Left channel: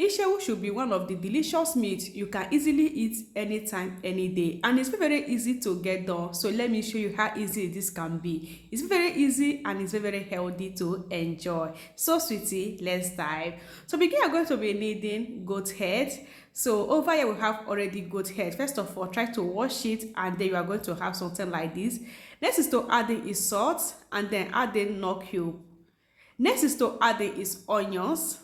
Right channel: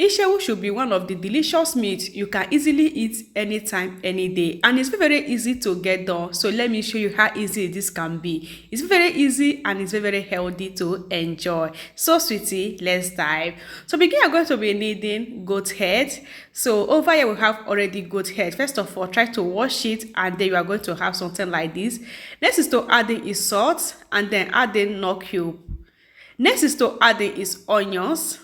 Ishewu should be one of the delicious meats you can easily eat anytime, any day, and it's very easy to get done. So let me show you how easy this can be. It's very easy and it's very healthy to enjoy. So sweetie, let's dive. So begin, I'm going to be needing goat head. So over here we have already goat head. First of all, try to wash it, and then you are going to have something like this. Next is to add in is salt, and then add in nut cube. Next is to add in is onions,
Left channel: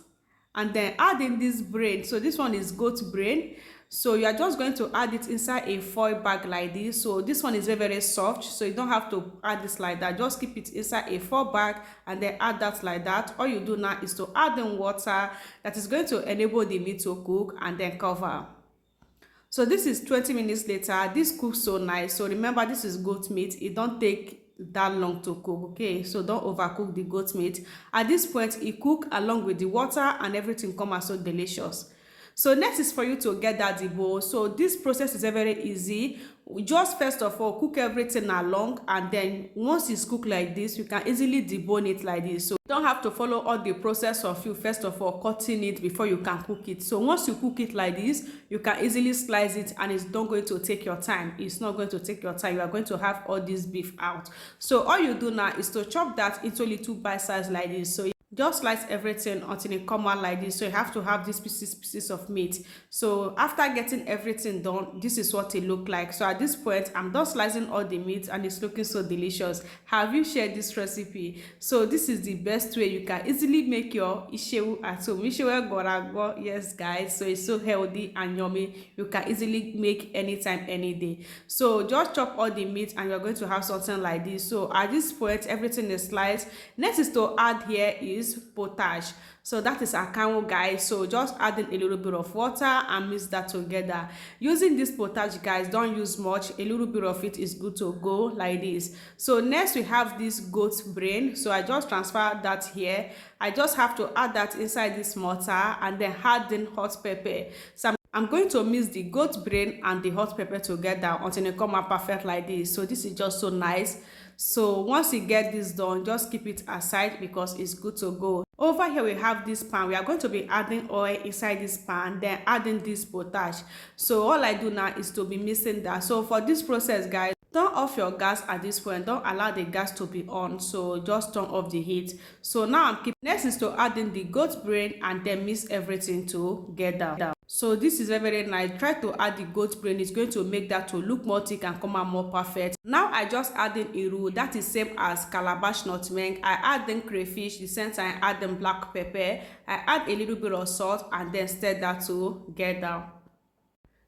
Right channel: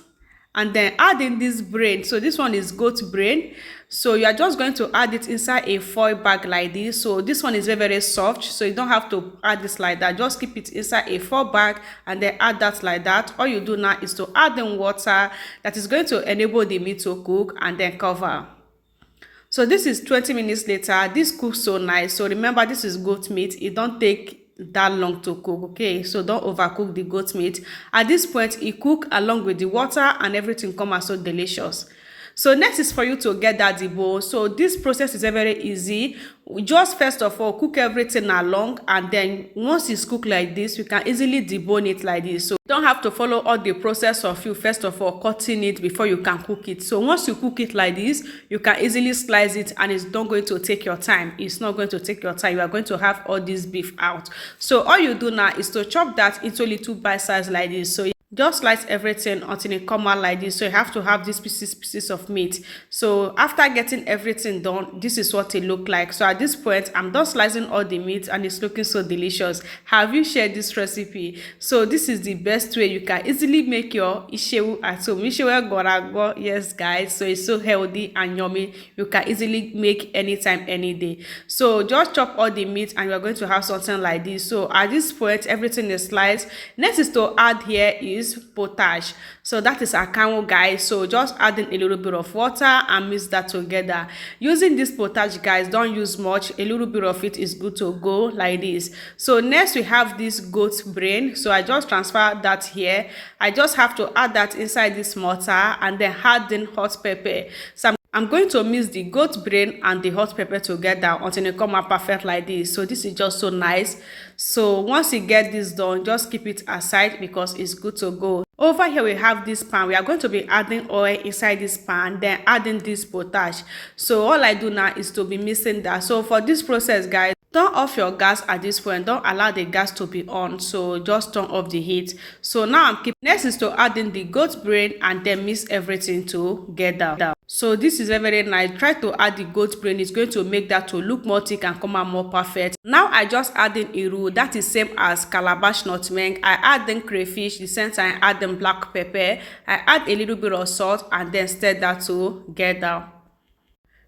and then add in this brain. So this one is goat brain. So you are just going to add it inside a foil bag like this. So this one is very soft, so you don't have to add this like that. Just keep it inside a foil bag and then add that like that. All you do now is to add in water that is going to enable the meat to cook, and then cover. So this is 20 minutes later. This cooks so nice. So remember, this is goat meat. It don't take that long to cook, okay? So don't overcook the goat meat. At this point, it cook along with the water, and everything come out so delicious. So next is for you to get that debone. So this process is very easy. We just first of all cook everything along, and then once it's cooked like this, you can easily debone it like this. So you don't have to follow all the process of you first of all cutting it before you can cook it. So once you cook it like this, you can easily slice it, and it's not going to take your time. It's not going to take your time. You are going to have all this beef out. So all you do now is to chop that into little bite size like this. So just slice everything until it come out like this. So you have to have these pieces of meat. So after getting everything done, this is what it look like. So at this point, I'm done slicing all the meat, and it's looking so delicious. Have you shared this recipe? So this is the best way you can easily make your ishewu at home. Ishewu gorago, yes guys. So it's so healthy and yummy. You can easily make anytime, any day. So just chop all the meat, and you're going to have something like this. So at this point, everything is sliced. Next is to add here is potage. So that is akamu, guys. So just adding a little bit of water and mix that together. Using this potage, guys, don't use much. A little bit of it is good to go like this. So next we have this goat brain. So I just transfer that here. I just have to add that inside this mortar, and then add in hot pepper. So I'm going to mix the goat brain and the hot pepper together until it come out perfect like this. So this is just so nice. So once you get this done, just keep it aside because it's good to go. Over here we have this pan. We are going to be adding oil inside this pan, then adding this potash. So all I do now is to be mixing that. So for this process, guys, turn off your gas at this point. Don't allow the gas to be on. So just turn off the heat. So now I'm keeping. Next is to add in the goat brain, and then mix everything together. So this is very nice. Try to add the goat brain. It's going to make that to look more thick and come out more perfect. Now I just add in iru. That is same as calabash nutmeg. I add in crayfish. The same time I add in black pepper. I add a little bit of salt, and then stir that together.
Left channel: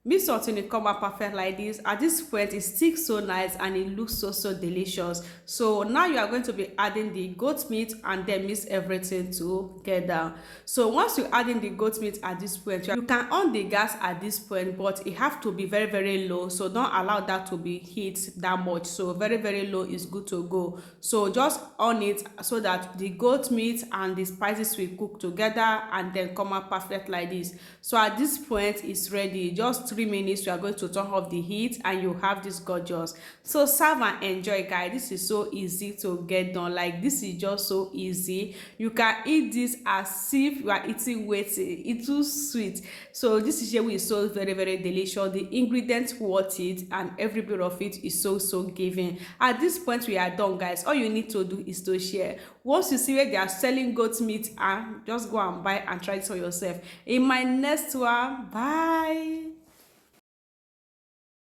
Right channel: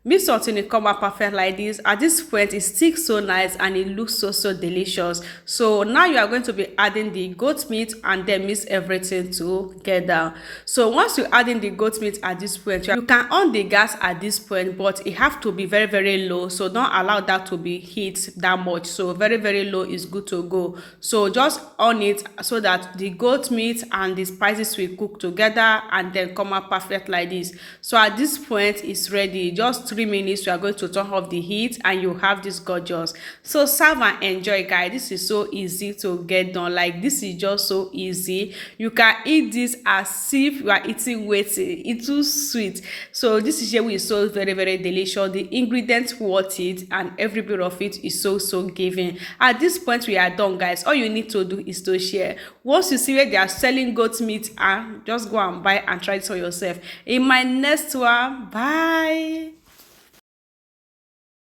Mix something it come out perfect like this. At this point, it sticks so nice and it looks so delicious. So now you are going to be adding the goat meat, and then mix everything together. So once you add in the goat meat at this point, you can on the gas at this point, but it have to be very low. So don't allow that to be heat that much. So very low is good to go. So just on it so that the goat meat and the spices will cook together, and then come out perfect like this. So at this point, it's ready. Just 3 minutes, you are going to turn off the heat, and you have this gorgeous. So serve and enjoy, guys. This is so easy to get done. Like, this is just so easy. You can eat this as if you are eating waiting. It's too sweet. So this is here is so very delicious. The ingredients worth it, and every bit of it is so giving. At this point, we are done, guys. All you need to do is to share. Once you see where they are selling goat meat, just go and buy and try it for yourself. In my next one, bye.